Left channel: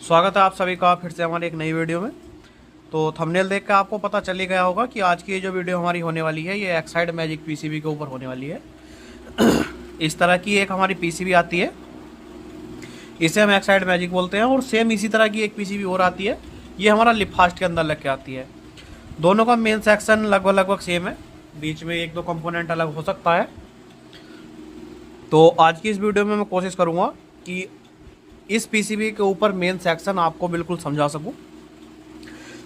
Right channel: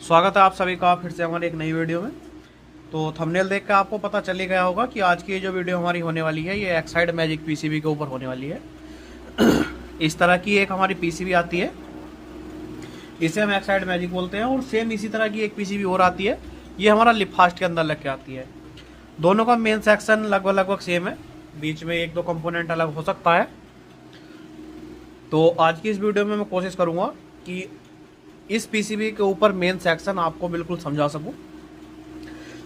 स्वागत है आप सभी का फिर से हमारे एक नई वीडियो में। तो थंबनेल देख कर आपको पता चल ही गया होगा कि आज की ये जो वीडियो हमारी होने वाली है ये एक्साइड मैजिक पीसीबी के ऊपर होने वाली है। इस तरह की एक हमारी पीसीबी आती है, इसे हम एक्साइड मैजिक बोलते हैं। और सेम इसी तरह की एक पीसीबी और आती है, ये हमारा लिपफास्ट के अंदर लग के आती है। दोनों का मेन सेक्शन लगभग सेम है, बीच में एक दो कंपोनेंट अलग हो सकता है। तो आज की इस वीडियो में मैं कोशिश करूँगा कि इस पीसीबी के ऊपर मेन सेक्शन आपको बिल्कुल समझा सकूं।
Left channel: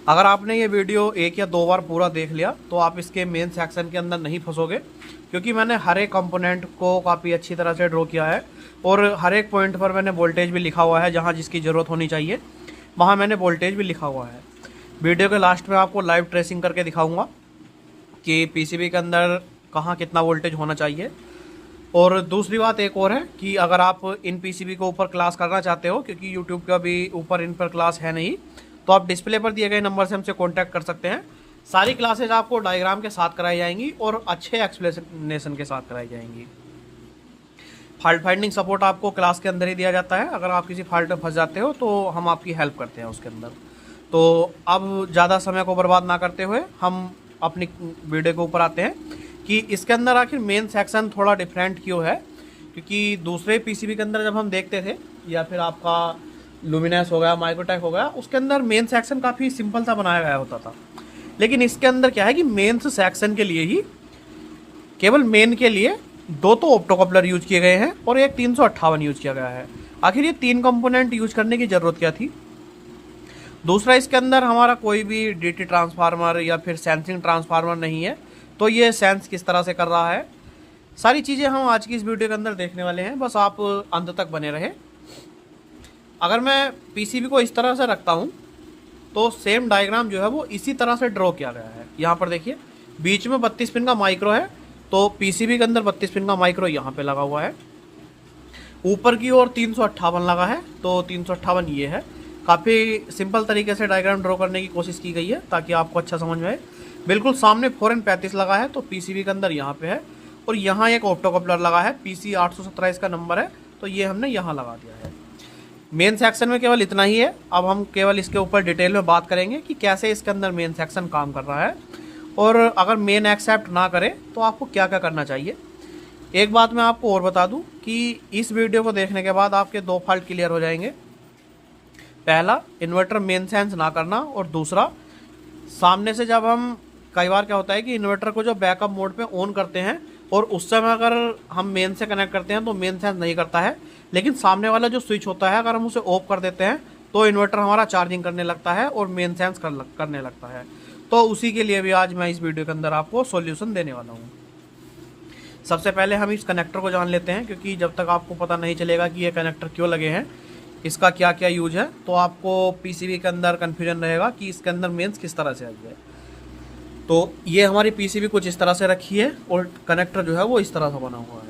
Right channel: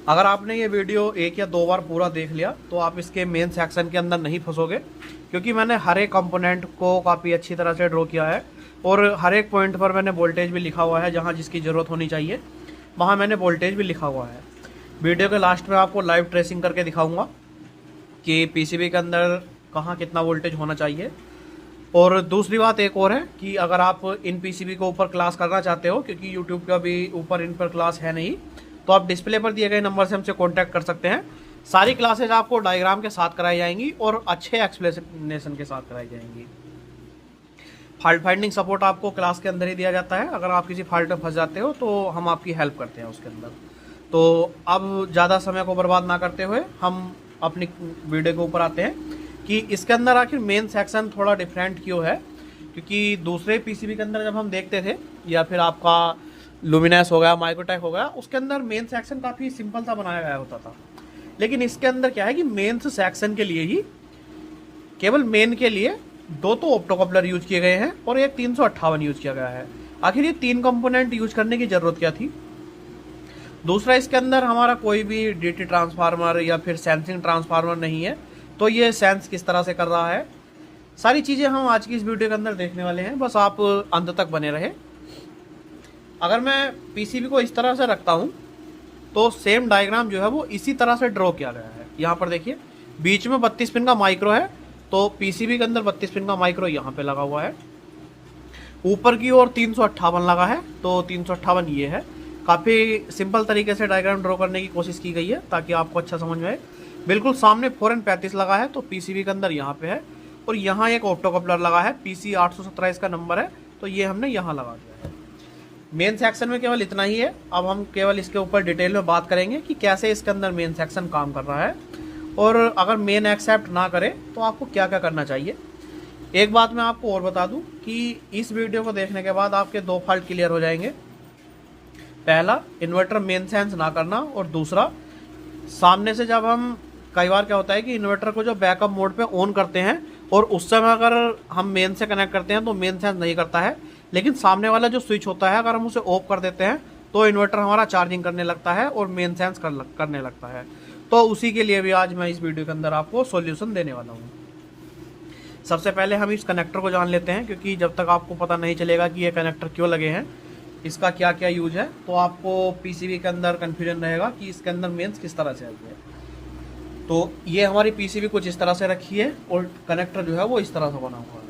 अगर आपने ये वीडियो एक या दो बार पूरा देख लिया तो आप इसके मेन सेक्शन के अंदर नहीं फंसोगे, क्योंकि मैंने हर एक कंपोनेंट को काफ़ी अच्छी तरह से ड्रॉ किया है और हर एक पॉइंट पर मैंने वोल्टेज भी लिखा हुआ है। जहाँ जिसकी ज़रूरत होनी चाहिए वहाँ मैंने वोल्टेज भी लिखा हुआ है। वीडियो के लास्ट में आपको लाइव ट्रेसिंग करके दिखाऊँगा कि पीसीबी के अंदर कहाँ कितना वोल्टेज होना चाहिए। और दूसरी बात एक और है कि अगर आप इन पीसीबी के ऊपर क्लास करना चाहते हो, क्योंकि यूट्यूब का भी ऊपर इन पर क्लास है नहीं, तो आप डिस्प्ले पर दिए गए नंबर से हमसे कांटेक्ट कर सकते हैं। सारी क्लासेज आपको डायग्राम के साथ कराई जाएंगी और अच्छे एक्सप्लेनेशन के साथ कराई जाएंगी। फॉल्ट फाइंडिंग सपोर्ट आपको क्लास के अंदर ही दिया जाता है। अगर आप किसी फॉल्ट में फंस जाते हो तो हम आपकी हेल्प करते हैं उसके अंदर। तो अब ज़्यादा समय को बर्बाद ना करते हुए हम अपनी वीडियो के ऊपर आते हैं कि इसके अंदर आखिर मेन सेक्शन थोड़ा डिफरेंट क्यों है। क्योंकि दूसरे पीसीबी के अंदर जब हम देखते थे, या फिर आपका लुमिनस हो गया, माइक्रोटेक हो गया, उसके अंदर मेन सेक्शन काफ़ी सिंपल सा बनाया गया होता था। लेकिन इसके अंदर क्या है कि मेन सेक्शन के लिए ही, केवल मेन के लिए दो तो ऑप्टोकपलर यूज किए गए हैं और एक 358 यूज किया गया है। आखिर ये तीन कंपोनेंट यूज करने की ज़रूरत क्या थी। दूसरा, इसके अंदर हमारा कोई भी डीटी ट्रांसफार्मर या फिर सेंसिंग ट्रांसफार्मर नहीं है, तो ये सेंस किस तरह से कर रहा है, सारी चीज़ें हम आज की इस वीडियो के अंदर देखने वाले हैं। बस आप अंत तक बने रहे। अगर मैं पीसीबी को इस तरह से रखता हूँ तो सेम डायग्राम जो है वो इसी तरह से ड्रॉ किया गया है। यहाँ पर देखिए, बीच में 32 पिन का माइक्रो है, तो पीसीबी के अंदर 32 पिन का माइक्रो यहाँ पे लगा हुआ है। ऊपर की ओर 358 लगा है, तो 358 ये है। काफ़ी सिंपल तरीके से डायग्राम ड्रॉ करने की कोशिश की गई है ताकि आपको अच्छा समझ में आए। बिल्कुल सामने 4N35 लगा है, तो पीसीबी के अंदर यहाँ पे है। और यहाँ एक ऑप्टोकपलर लगा है, PC 817 इसका नंबर है, तो ये हमने यहाँ लगा दिया है। मेन सेक्शन में केवल इतना ही है। अब हम केवल इसके ऊपर डिटेल में बात करेंगे कि कैसे इसके अंदर मेन सेक्शन काम कर रहा है, और अगर मेन एक्सेप्ट ना करे तो आपको क्या क्या करना चाहिए। एक बात मैं आपको और बता दूं कि इस वीडियो को देखने के बाद आपके दो फॉल्ट क्लियर हो जाएंगे। पहला, इन्वर्टर मेन सेंस ना करना, और दूसरा, सामने से जब हम, कई बार क्या होता है कि इन्वर्टर को जो बैकअप मोड पे ऑन करते हैं और उस समय अगर हम मेन से कनेक्ट करते हैं तो मेन सेंस नहीं करता है, लेकिन सामने वाला जो स्विच होता है अगर हम उसे ऑफ कर देते हैं तो इन्वर्टर हमारा चार्जिंग करने लगता है और मेन सेंस करने लगता है। तो उसी के लिए भी आज मैं इस वीडियो के अंदर आपको सॉल्यूशन देने वाला हूँ। सबसे पहले हम इस कनेक्टर को जान लेते हैं, क्योंकि जब तक आपको पता नहीं चलेगा कि ये कनेक्टर क्यों लगे हैं, इसका क्या क्या यूज है, तो आपको पीसीबी के अंदर कन्फ्यूजन रहेगा कि इसके अंदर मेंस किस तरह से आई है। तो ये हमारी पीसीबी कुछ इस तरह से रखी है और कनेक्टर जो है वो इस तरह से बना हुआ है।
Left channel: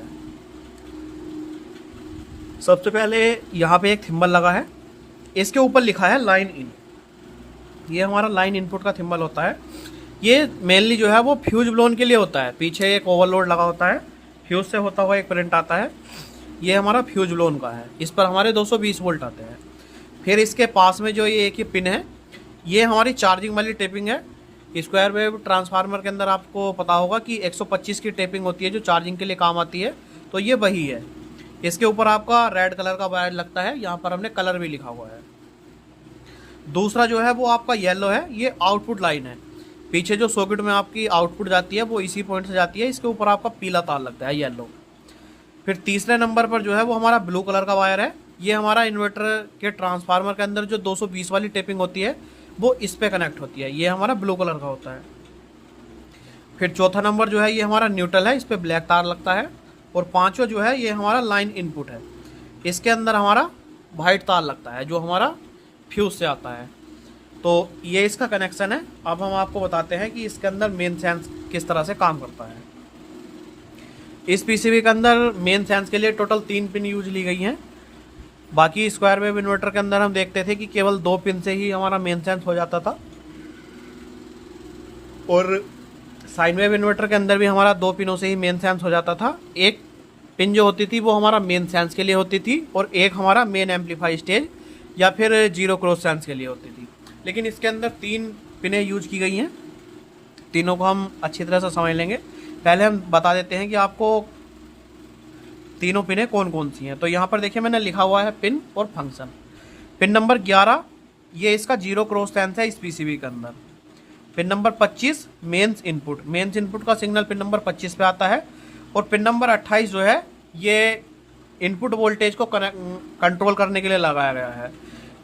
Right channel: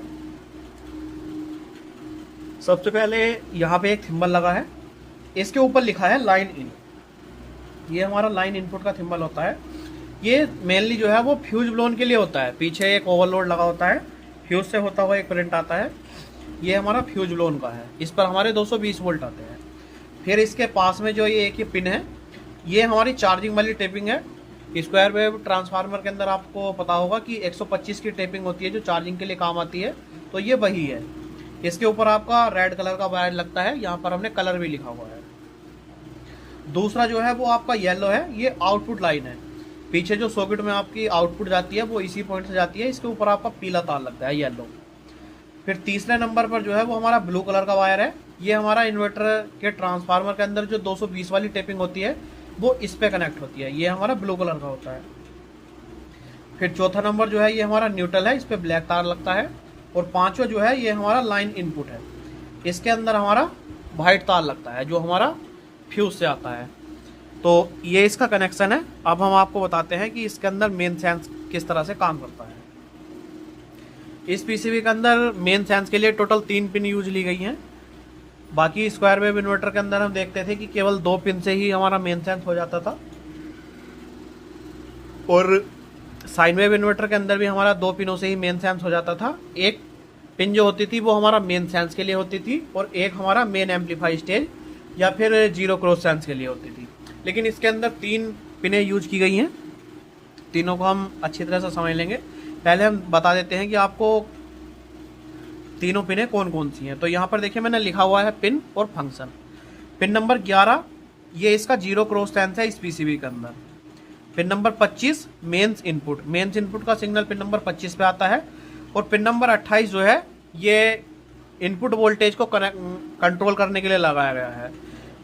सबसे पहले यहाँ पे एक थिम्बल लगा है, इसके ऊपर लिखा है लाइन इन। ये हमारा लाइन इनपुट का थिम्बल होता है। ये मेनली जो है वो फ्यूज ब्लोन के लिए होता है। पीछे एक ओवरलोड लगा होता है, फ्यूज से होता हुआ एक करंट आता है, ये हमारा फ्यूज ब्लोन का है। इस पर हमारे 220 वोल्ट आते हैं। फिर इसके पास में जो ये एक ही पिन है, ये हमारी चार्जिंग वाली टेपिंग है। स्क्वायर वेव ट्रांसफार्मर के अंदर आपको पता होगा कि 125 की टेपिंग होती है जो चार्जिंग के लिए काम आती है, तो ये वही है। इसके ऊपर आपका रेड कलर का वायर लगता है, यहाँ पर हमने कलर भी लिखा हुआ है। दूसरा जो है वो आपका येलो है, ये आउटपुट लाइन है। पीछे जो सॉकेट में आपकी आउटपुट जाती है वो इसी पॉइंट से जाती है, इसके ऊपर आपका पीला तार लगता है, येलो। फिर तीसरे नंबर पर जो है वो हमारा ब्लू कलर का वायर है, ये हमारा इन्वर्टर के ट्रांसफार्मर के अंदर जो 220 वाली टेपिंग होती है वो इस पे कनेक्ट होती है, ये हमारा ब्लू कलर का होता है। फिर चौथा नंबर जो है ये हमारा न्यूट्रल है, इस पे ब्लैक तार लगता है। और पांचवा जो है ये हमारा लाइन इनपुट है, इसके अंदर हमारा वाइट तार लगता है जो हमारा फ्यूज से आता है। तो ये इसका कनेक्शन है। अब हम आपको बताते हैं कि इसके अंदर मेन सेंस किस तरह से काम करता है। इस पीसीबी के अंदर मेन सेंस के लिए टोटल 3 पिन यूज ली गई हैं। बाकी स्क्वायर वेव इन्वर्टर के अंदर हम देखते थे कि केवल 2 पिन से ही हमारा मेन सेंस हो जाता था, और साइन वेव इन्वर्टर के अंदर भी हमारा 2 पिनों से ही मेन सेंस हो जाता था। एक पिन जो होती थी वो हमारा मेन सेंस के लिए होती थी, और एक हमारा मेन एम्पलीफाई स्टेज या फिर जीरो क्रॉस सेंस के लिए होती थी। लेकिन इसके अंदर 3 पिनें यूज की गई हैं, तीनों को हम अच्छी तरह से समझ लेंगे। पहले हम बता देते हैं कि आपको तीनों पिनें कौन कौन सी हैं। तो यहाँ पर देखिए मैंने लिखा हुआ है पिन और फंक्शन। पिन नंबर 11 ये इसका जीरो क्रॉस सेंस है इस पीसीबी के अंदर। पिन नंबर 25 मेंस इनपुट का सिग्नल पिन नंबर 25 पे आता है। और पिन नंबर 28 जो है ये इनपुट वोल्टेज को कंट्रोल करने के लिए लगाया गया है।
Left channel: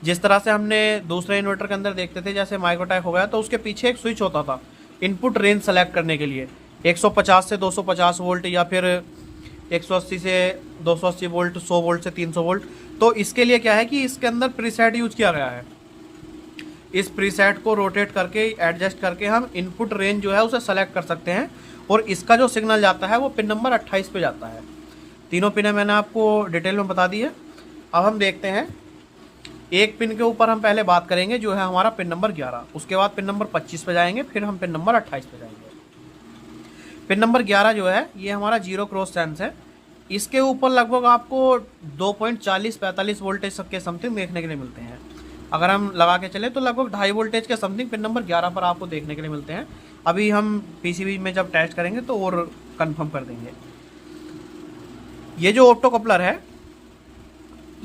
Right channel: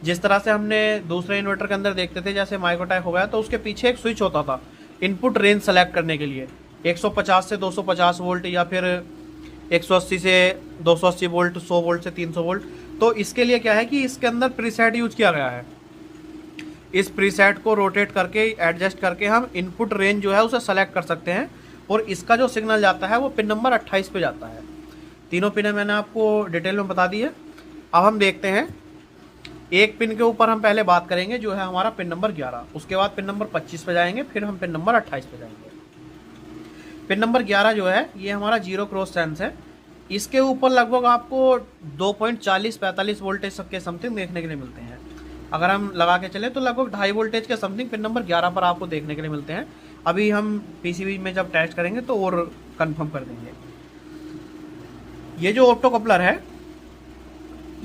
जिस तरह से हमने दूसरे इन्वर्टर के अंदर देखते थे, जैसे माइक्रोटैक हो गया, तो उसके पीछे एक स्विच होता था इनपुट रेंज सेलेक्ट करने के लिए, 150 से 250 वोल्ट या फिर 180 से 280 वोल्ट, 100 वोल्ट से 300 वोल्ट। तो इसके लिए क्या है कि इसके अंदर प्रीसेट यूज किया गया है। इस प्रीसेट को रोटेट करके एडजस्ट करके हम इनपुट रेंज जो है उसे सेलेक्ट कर सकते हैं और इसका जो सिग्नल जाता है वो पिन नंबर 28 पे जाता है। तीनों पिनें मैंने आपको डिटेल में बता दी है। अब हम देखते हैं एक पिन के ऊपर हम पहले बात करेंगे जो है हमारा पिन नंबर 11, उसके बाद पिन नंबर 25 पे जाएंगे, फिर हम पिन नंबर 28 पे जाएंगे। पिन नंबर 11 जो है ये हमारा जीरो क्रॉस सेंस है। इसके ऊपर लगभग आपको 2.40-45 वोल्टेज के समथिंग देखने के लिए मिलते हैं। अगर हम लगा के चले तो लगभग 2.5 वोल्टेज के समथिंग पिन नंबर 11 पर आपको देखने के लिए मिलते हैं। अभी हम पीसीबी में जब टेस्ट करेंगे तो और कंफर्म कर देंगे। ये जो ऑप्टो कपलर है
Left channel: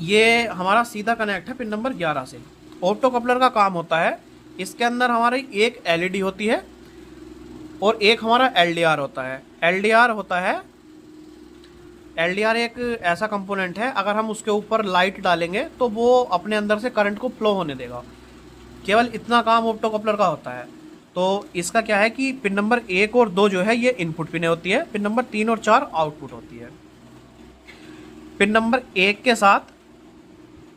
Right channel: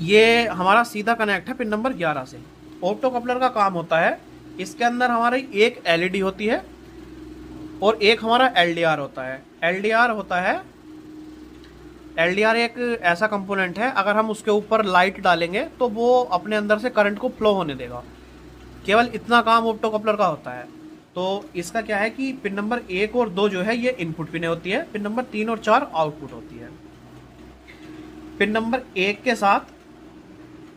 ये हमारा सीधा कनेक्ट है पिन नंबर 11 से। ऑप्टो कपलर का काम होता है, इसके अंदर हमारी एक एलईडी होती है और एक हमारा एलडीआर होता है। एलडीआर एक ऐसा कंपोनेंट है, अगर हम उसके ऊपर लाइट डालेंगे तो वो अपने अंदर से करंट को फ्लो होने देगा। केवल इतना काम ऑप्टो कपलर का होता है। तो इसका क्या है कि पिन नंबर 1 और 2 जो है ये इनपुट पिनें होती है, पिन नंबर 3 और 4 आउटपुट होती है। पिन नंबर 1 के साथ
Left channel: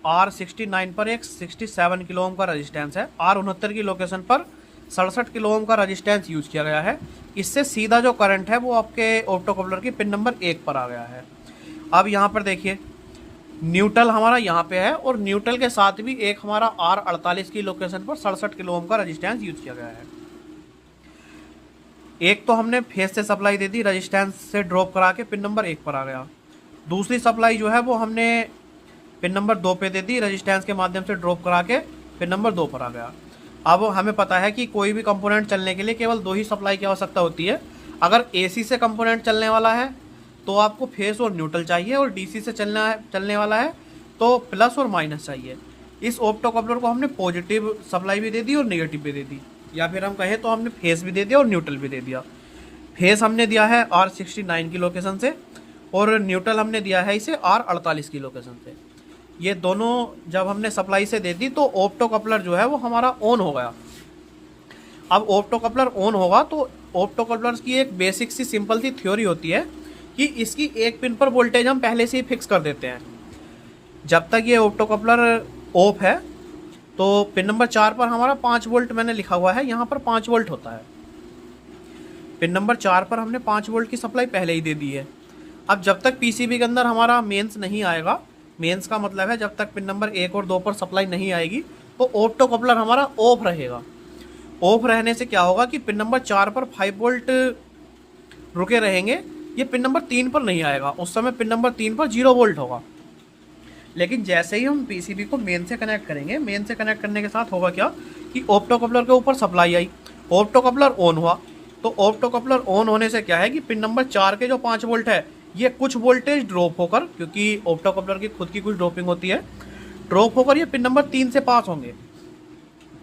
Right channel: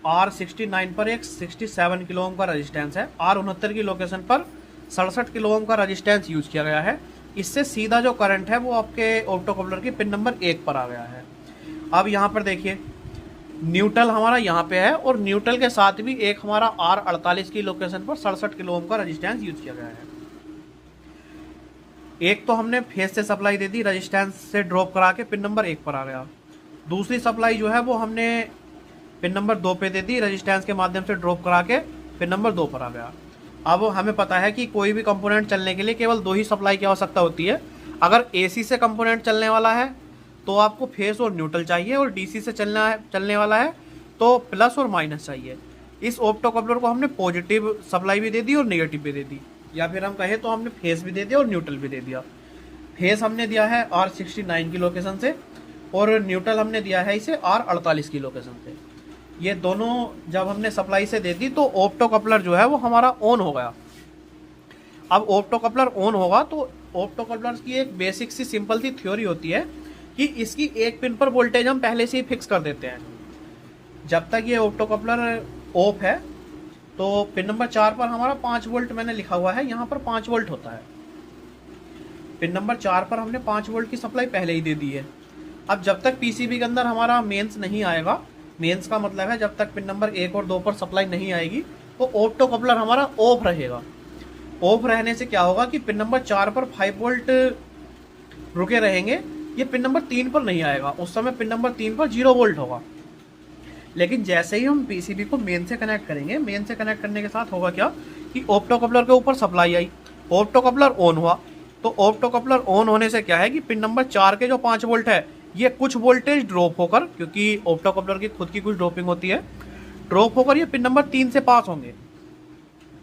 R69 पर एक 67 किलो ओम का रजिस्टेंस है। R69 की लोकेशन पर 67 किलो ओम का रजिस्टेंस यूज किया गया है। इससे सीधा जो करंट है वो आपके ऑप्टो कपलर की पिन नंबर 1 पर आ गया है। अब यहाँ पर देखिए न्यूट्रल हमारा यहाँ पे है और न्यूट्रल के साथ भी एक हमारा R48 की लोकेशन पर 67 किलो ओम का रजिस्टेंस यूज किया गया है। एक तो हमने फेस से सप्लाई दे दी, रजिस्टेंस से ड्रॉप करा के पिन नंबर 1 पर आ गया। दूसरी सप्लाई जो है वो हमने पिन नंबर 2 पे दे दी, रजिस्टेंस के माध्यम से ड्रॉप करा के पिन नंबर 2 पर आ गया। अब हमें पता है कि कोई भी कंपोनेंट चलने के लिए केवल 2 ही सप्लाई की आवश्यकता होती है। अगर एसी से कंपोनेंट चलने वाला है तो आपको फेस और न्यूट्रल चाहिए, और डीसी से चलने वाला है तो प्लस और माइनस चाहिए। इस ऑप्टो कपलर को हमने पॉजिटिव सप्लाई भी दे दी और नेगेटिव भी दे दी, या फिर हम कहें तो हमने फेस भी दे दिया और न्यूट्रल भी दे दिया। फेस हमने दिया है R69 की लोकेशन से और न्यूट्रल हमने दिया है इसे R48 की लोकेशन से। ये दोनों जब हमने सप्लाई से दे दी तो ऑप्टो कपलर जो है वो हमारा ऑन हो गया। अब ऑप्टो कपलर ऑन होगा तो ऑप्टो कपलर की एक बेसिक सी सिंपल सी थ्योरी होती है कि इसकी एक पिन पर वोल्टेज हम पहले से ही फिक्स कर देते हैं। जब तक ये ऑप्टो कपलर ऑफ है तो पिन नंबर 4 पर हमारा 5 वोल्ट मैंने लिखा हुआ है, यहाँ पर 5 वोल्ट होता है। पिन नंबर 4 पर हमने 5 वोल्ट की सप्लाई पहले ही दे दी है। अब जब तक पीसीबी के अंदर हमारा मेंस नहीं आएगा, मेंस का मतलब है जब तक पिन नंबर 1 और 2 पर सप्लाई नहीं आएगी तो ऑप्टो कपलर हमारा ऑफ रहेगा। ऑफ रहने से क्या होगा कि पिन नंबर 4 पर 5 वोल्ट रुके रहेंगे, ये पिन नंबर 3 पर नहीं आएगा। उस समय पिन नंबर 3 पर 0 वोल्ट होगा। लेकिन जैसे ही हम पीसीबी को मेन से कनेक्ट करेंगे, मेन से कनेक्ट करने के साथ होगा क्या कि ऑप्टो कपलर के ऊपर supply I, opto coupler on हुआ। तो ऑप्टो कपलर ऑन होने से क्या है कि पिन नंबर 4 के जो 5 वोल्ट है ये कुछ वोल्टेज ड्रॉप होकर, क्योंकि ऑप्टो कपलर की खुद की कुछ ड्रॉपिंग होती है, ड्रॉप होकर ये पिन नंबर 3 से पास होंगे।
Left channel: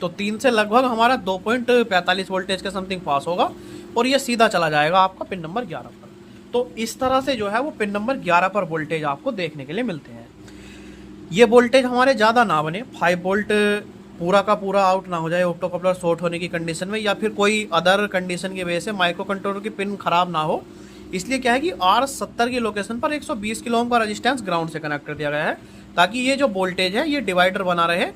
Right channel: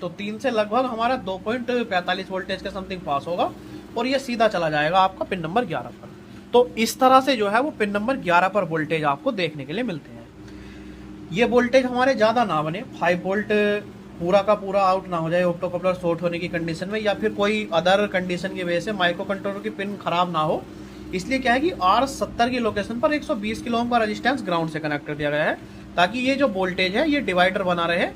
तो 3 से लगभग हमारा 2.45 वोल्टेज के समथिंग पास होगा और ये सीधा चला जाएगा आपका पिन नंबर 11 पर। तो इस तरह से जो है वो पिन नंबर 11 पर वोल्टेज आपको देखने के लिए मिलते हैं। ये वोल्टेज हमारे ज़्यादा ना बने, 5 वोल्ट पूरा का पूरा आउट ना हो जाए ऑप्टो कपलर शॉर्ट होने की कंडीशन में, या फिर कोई अदर कंडीशन की वजह से माइक्रो कंट्रोलर की पिन खराब ना हो। इसलिए क्या है कि R70 की लोकेशन पर 120 किलो ओम का रेजिस्टेंस ग्राउंड से कनेक्ट कर दिया गया है, ताकि ये जो वोल्टेज है ये डिवाइडर बना रहे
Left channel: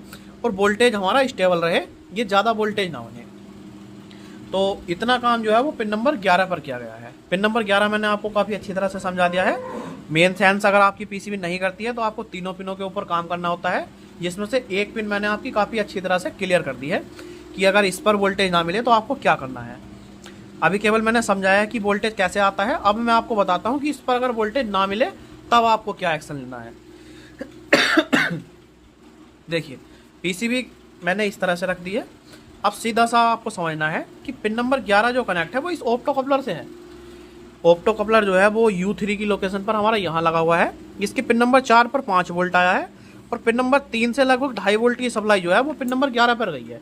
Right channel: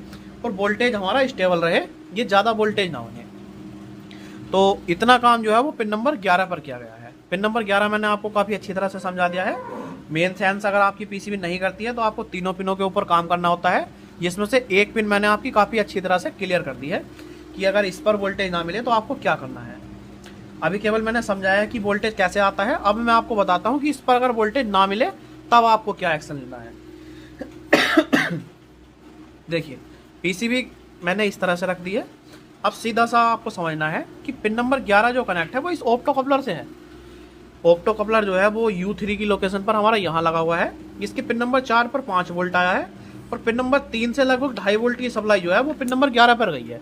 और वोल्टेज हमारा स्टेबल रहे, ये ज़्यादा वोल्टेज ना बने। तो इतना काम जो है वो पिन नंबर 11 पर किया गया है। पिन नंबर 11 मैंने आपको काफ़ी अच्छी तरह से समझा दिया है। मेन सेंस अगर आपकी पीसीबी नहीं करती है तो आपको तीनों पिनों के ऊपर काम करना होता है, जिसमें से एक पिन मैंने आपकी काफ़ी अच्छी तरह से क्लियर कर दी है कि अगर इस पर वोल्टेज ना मिले तो आपको क्या करना है। अभी केवल मैंने समझाया कि वोल्टेज कैसे आता है। अब मैं आपको बताता हूँ कि इस पर अगर वोल्टेज ना मिले तब आपको क्या एक्शन लेना है। देखिए पीसीबी मैंने इस तरह से रख दी है। अब सीधा सा आपको समझना है कि पिन नंबर 11 जो कनेक्ट है वो इस ऑप्टो कपलर से है। ऑप्टो कपलर जो है वो U3 की लोकेशन पर हमारा यहाँ लगा हुआ है। इसके पिन नंबर 4 पर 5 वोल्ट आया है और पिन नंबर 3 से लगभग 2.5 वोल्ट की सप्लाई जो है वो पिन नंबर 11 पर गई है।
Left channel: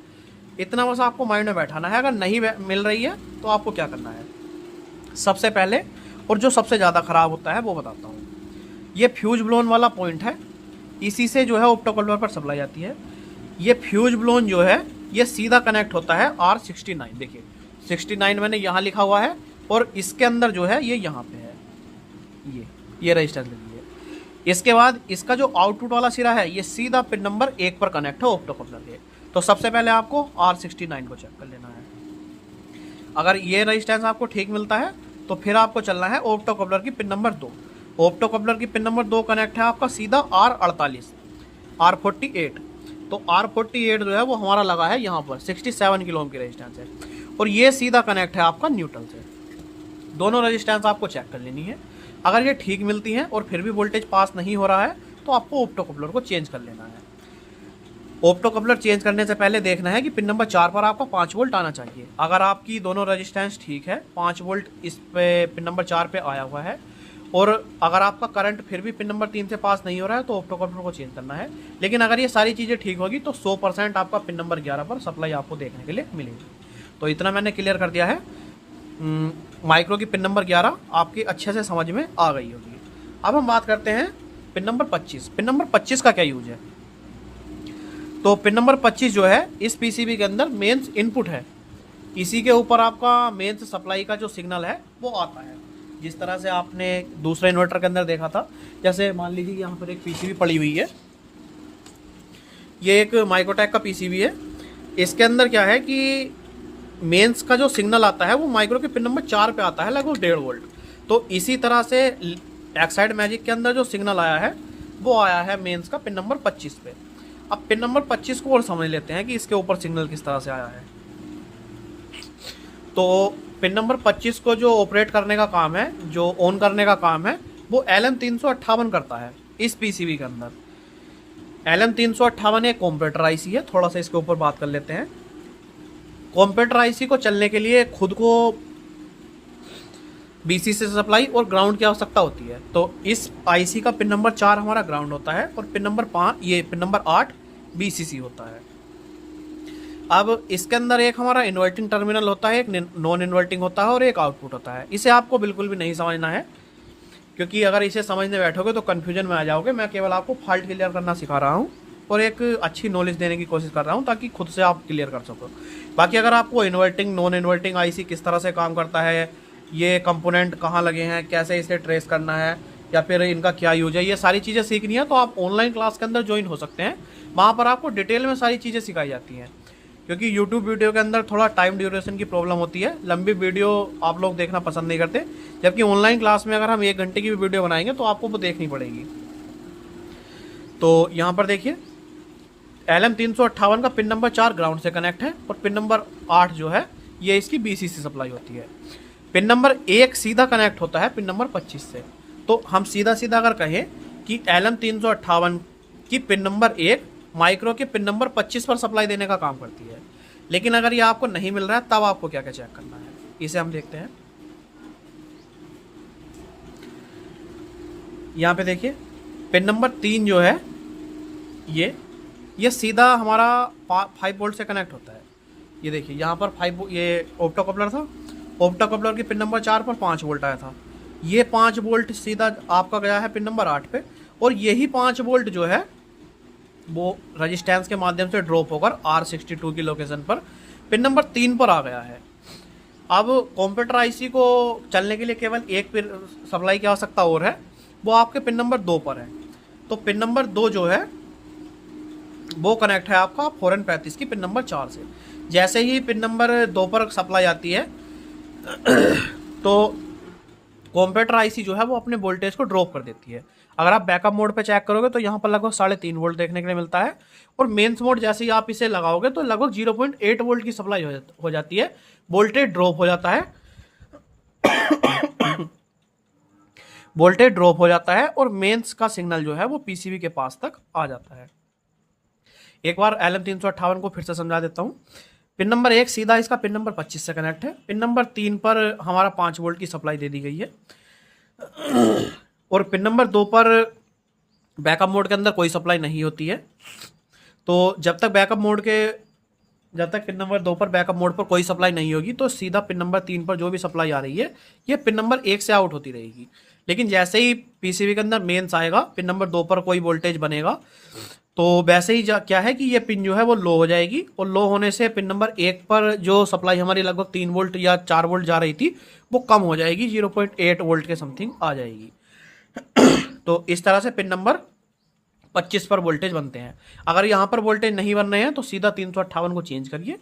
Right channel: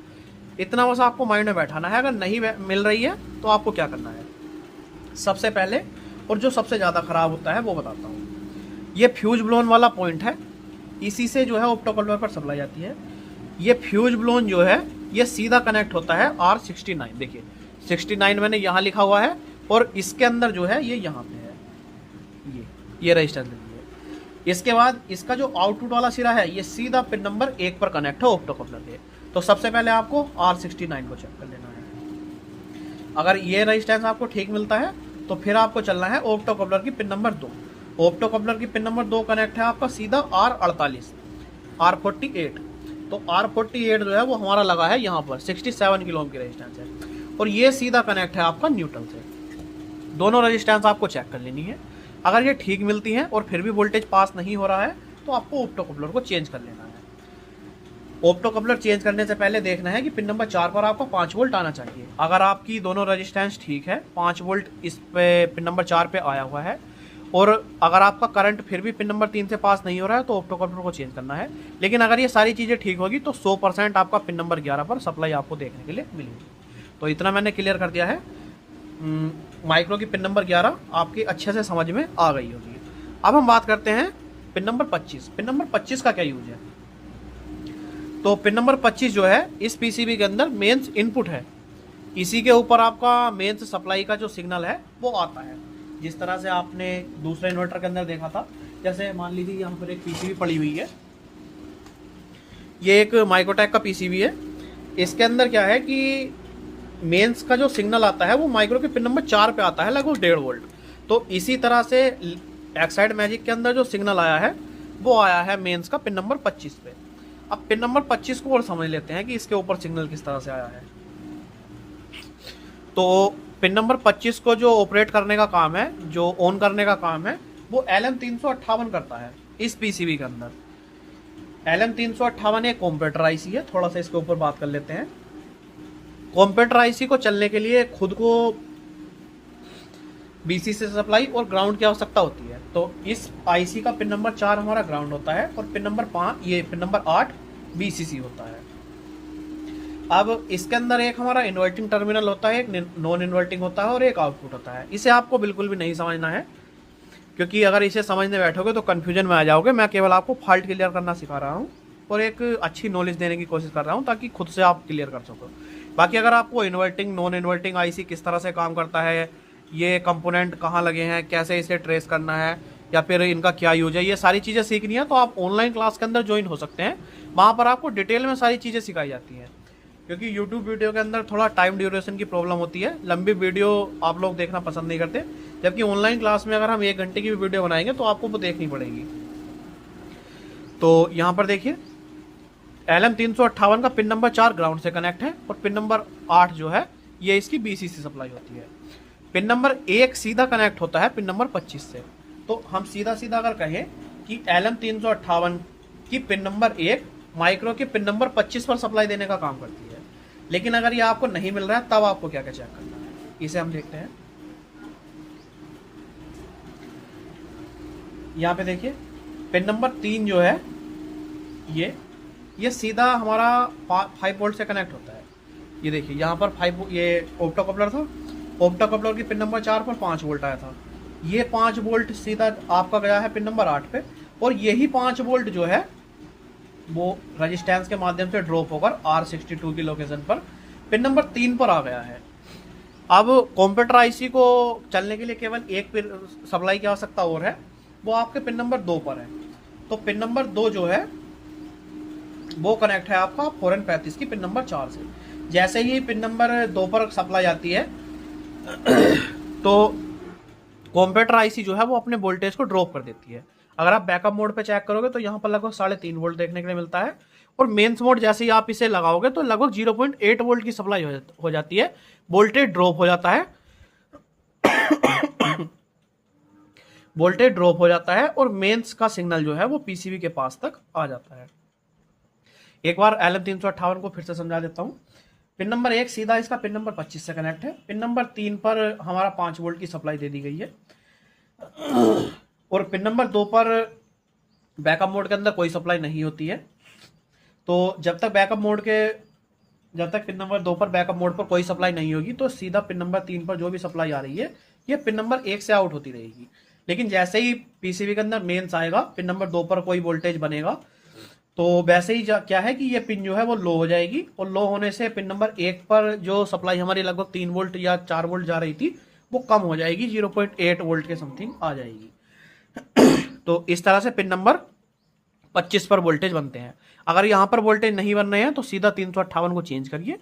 इतना बस आपको माइंड में बैठाना है। अगर नहीं मिल रही है तो आपको क्या करना है, सबसे पहले और जो सबसे ज़्यादा ख़राब होता है वो बताता हूँ। ये फ्यूज ब्लोन वाला पॉइंट है, इसी से जो है ऑप्टो कपलर पर सप्लाई आती है। ये फ्यूज ब्लोन जो है ये सीधा कनेक्ट होता है R69। देखिए 69 मैंने यहाँ लिखा हुआ है और इसके अंदर जो है ये यहाँ पे है, ये रजिस्टेंस देखिए। इसके बाद इसका जो आउटपुट वाला सिरा है ये सीधा पिन नंबर 1 पर कनेक्ट है ऑप्टो कपलर के। तो सबसे पहले आपको R69 को चेक कर लेना है। अगर ये रजिस्टेंस आपको ठीक मिलता है तो फिर आपको चलना है ऑप्टो कपलर की पिन नंबर 2। ऑप्टो कपलर की पिन नंबर 2 कनेक्ट है आपका सीधा R48 R48। तो R48 जो है वो हमारा लगा है यहाँ पर 67 किलो ओम की रेजिस्टेंस है और ये सीधा कनेक्ट है आपका न्यूट्रल से। दोनों रेजिस्टेंस आपको चेक कर लेनी है। अगर ये ठीक मिलती हैं और फिर भी वोल्टेज पास नहीं हो रहा है तो आपको ऑप्टो कपलर को चेंज कर लेना है। ऑप्टो कपलर चेंज करने से पहले देखना है कि पिन नंबर 4 पर आपका 5 वोल्ट आना चाहिए। अगर आपकी दोनों रेजिस्टेंस ठीक है, 5 वोल्ट इस पे पिन नंबर 4 पे आया हुआ है और अगर आपका करंट फिर भी पिन नंबर 3 से पास नहीं हो रहा है तो ऑप्टो कपलर को चेंज करना है। लेकिन अगर ये सारी चीज़ें ठीक होगी तो 100% आपका पिन नंबर 11 पर सप्लाई आपको देखने के लिए मिलेगी। तो इतना मैंने क्लियर कर दिया है। माइक्रो की पिन नंबर 11 आपकी अच्छे से समझ में आ गई होगी। अब हम बात करते हैं पिन नंबर 25। पिन नंबर 25 का क्या यूज है। तो पिन नंबर 25 जो है इस पीसीबी के अंदर मेंस इनपुट है। इसी के ऊपर आपका मेंस सप्लाई का जो सिग्नल है वो आता है। जिस तरह से आपने दूसरे इन्वर्टर के अंदर देखा था, जैसे मान लीजिए यहाँ पर एक पीसीबी पड़ी हुई है, ये एक माइक्रोटेक का पीसीबी है। इसके अंदर क्या है कि मेंस का जो सिग्नल आता है वो माइक्रो के पिन नंबर 4 पे आता है, लगभग 1.5 वोल्ट। तो इसी तरह से एक्साइड मैजिक के अंदर जो सिग्नल आया है वो आया है मेंस का पिन नंबर 25 पे। अब पिन नंबर 25 को और समझ लेते हैं कि इसके ऊपर सिग्नल किस तरह से आया है। तो पिन नंबर 25 को जो ऑपरेट करने का काम है, जो ऑन करने का काम है, वो LM358 करता है इस पीसीबी के अंदर। LM358 एक कंप्यूटर आईसी है। थोड़ा सा इसके ऊपर बात कर लेते हैं। कंप्यूटर आईसी को चलने के लिए खुद को BCC से सप्लाई और ग्राउंड की आवश्यकता होती है। तो इस आईसी का पिन नंबर 4 हमारा ग्राउंड होता है और पिन नंबर 8 BCC होता है। अब इसके अंदर एक हमारा इन्वर्टिंग टर्मिनल होता है, एक नॉन इन्वर्टिंग होता है और एक आउटपुट होता है। इसे आपको बिल्कुल भी नहीं समझना है, क्योंकि अगर इसे समझने बैठोगे तो कन्फ्यूजन में आ जाओगे। मैं केवल आपको फॉल्ट क्लियर करना सिखा रहा हूँ और एक अच्छी नॉलेज देने की कोशिश कर रहा हूँ ताकि खुद से आप क्लियर कर सको। बाकी अगर आपको इन्वर्टिंग नॉन इन्वर्टिंग आईसी किस तरह से काम करता है, ये कंपोनेंट कहाँ लगे हैं, कैसे इसे ट्रेस करना है, या फिर इनका क्या यूज है, ये सारी चीज़ें सीखनी है तो आप ऑनलाइन क्लास के अंदर ज्वाइन हो सकते हैं। वहाँ पर आपको डिटेल में सारी चीज़ें सिखाई जाती हैं, क्योंकि YouTube वीडियो के अंदर थोड़ा टाइम ड्यूरेशन की प्रॉब्लम होती है। लंबी वीडियो आप लोग देखना पसंद नहीं करते, जबकि ऑनलाइन क्लास में अगर हम 1 घंटे की भी वीडियो बनाएंगे तो आपको वो देखनी पड़ेगी। तो यहाँ पर देखिए LM358 का पिन नंबर 4 ग्राउंड से कनेक्ट है और पिन नंबर 8 जो है ये इसकी BCC सप्लाई होती है। पिन नंबर 1 सीधा कनेक्ट होता है पिन नंबर 25 से। तो हम सीधा सीधा अगर कहें कि LM358 की पिन नंबर 1 माइक्रो के पिन नंबर 25 पर सप्लाई देने का काम करती है। लेकिन अगर ये आपको नहीं मिल रहा है तब आपको क्या क्या चेक करना है, इसे हम देखते हैं। यहाँ पे देखिए पिन नंबर 3 जो है ये सीधा हमारा 5 वोल्ट से कनेक्ट होता है। ये देखिए यहाँ पर 5, ये ऑप्टो कपलर था। ऑप्टो कपलर की पिन नंबर 4 पर 5 वोल्ट आया था। ये 5 वोल्ट सीधा आपका गया है पिन नंबर 8 पे और यही 5 वोल्ट जो है वो रेजिस्टेंस के माध्यम से ड्रॉप होकर R62 की लोकेशन पर पिन नंबर 3 पर आ गया है। अब कंप्यूटर आईसी को चलने के लिए केवल एक सप्लाई की आवश्यकता और है, वो आपके पिन नंबर 2 पर है। तो पिन नंबर 2 जो है वो कनेक्ट है आपका 4N35 की पिन नंबर 4 से। जैसे ही पिन नंबर 2 पर सप्लाई आती है तो कंप्यूटर आईसी जो है वो अपने वोल्टेज को ड्रॉप कर देती है। अगर आप बैकअप मोड पे चेक करोगे तो यहाँ पर लगभग 3.5 वोल्ट देखने के लिए मिलता है और मेंस मोड जैसे ही आप इसे लगाओगे तो लगभग 0.8 वोल्ट की सप्लाई हो जाती है। वोल्टेज ड्रॉप हो जाता है वोल्टेज ड्रॉप हो जाता है और मेंस का सिग्नल जो है वो पीसीबी के पास तक आ जाता है। एक बार LM358 को फिर से समझा देता हूँ। पिन नंबर 1 सीधा इसका पिन नंबर 25 से कनेक्ट है। पिन नंबर 3 पर हमारा 5 वोल्ट की सप्लाई दे दी गई है और पिन नंबर 2 पर बैकअप मोड के अंदर कोई सप्लाई नहीं होती है। तो जब तक पिन नंबर 2 पर बैकअप मोड पर कोई सप्लाई नहीं होगी तो सीधा पिन नंबर 3 पर जो भी सप्लाई आ रही है ये पिन नंबर 1 से आउट होती रहेगी। लेकिन जैसे ही पीसीबी के अंदर मेंस आएगा, पिन नंबर 2 पर कोई वोल्टेज बनेगा, तो वैसे ही क्या है कि ये पिन जो है वो लो हो जाएगी और लो होने से पिन नंबर 1 पर जो सप्लाई हमारी लगभग 3 वोल्ट या 4 वोल्ट जा रही थी वो कम हो जाएगी, 0.8 वोल्ट के समथिंग आ जाएगी। तो इस तरह से पिन नंबर 25 पर वोल्टेज बनते हैं। अगर यहाँ पर वोल्टेज नहीं बन रहे हैं तो सीधा 358 को चेंज करिए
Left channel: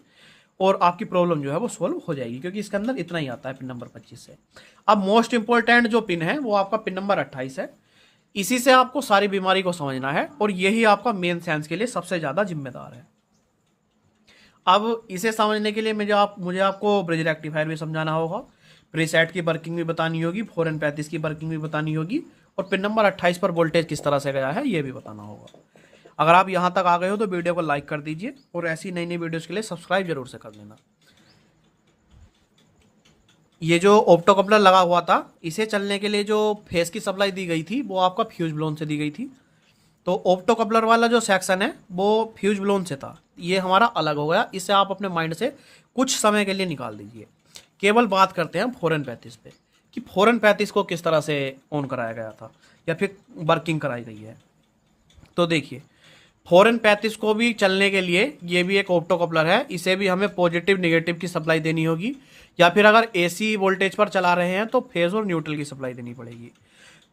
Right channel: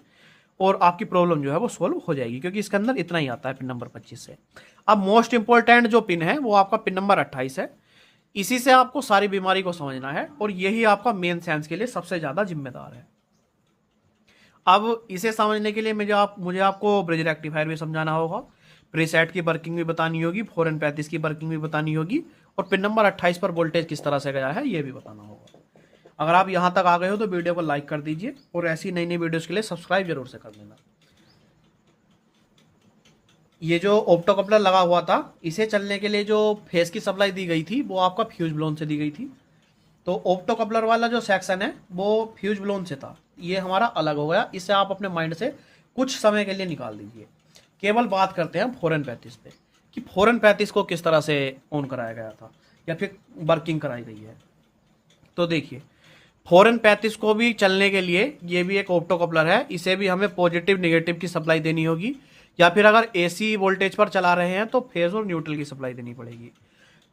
और आपकी प्रॉब्लम जो है वो सोल्व हो जाएगी, क्योंकि इसके अंदर इतना ही आता है पिन नंबर 25 से। अब मोस्ट इंपॉर्टेंट जो पिन है वो आपका पिन नंबर 28 है। इसी से आपको सारी बीमारी को समझना है और यही आपका मेन सेंस के लिए सबसे ज्यादा जिम्मेदार है। अब इसे समझने के लिए मुझे आपको ब्रिज रेक्टिफायर भी समझाना होगा, प्रीसेट की वर्किंग भी बतानी होगी, 4N35 की वर्किंग भी बतानी होगी और पिन नंबर 28 पर वोल्टेज किस तरह से गया है ये भी बताना होगा। अगर आप यहां तक आ गए हो तो वीडियो को लाइक कर दीजिए और ऐसी नई नई वीडियोस के लिए सब्सक्राइब जरूर से कर लेना। ये जो ऑप्टोकपलर लगा हुआ था, इसे चलने के लिए जो फेस की सप्लाई दी गई थी वो आपका फ्यूज ब्लोन से दी गई थी। तो ऑप्टोकपलर वाला जो सेक्शन है वो फ्यूज ब्लोन से था, ये हमारा अलग हो गया। इसे आप अपने माइंड से कुछ समय के लिए निकाल दीजिए। केवल बात करते हैं 4N35 पे कि 4N35 को किस तरह से ऑन कराया गया था या फिर वर्किंग कराई गई है। तो देखिए, 4N35 को भी चलने के लिए ये भी एक ऑप्टोकपलर है, इसे भी हमें पॉजिटिव नेगेटिव की सप्लाई देनी होगी, या फिर अगर एसी वोल्टेज पर चला रहे हैं तो फेज और न्यूट्रल की सप्लाई देनी पड़ेगी।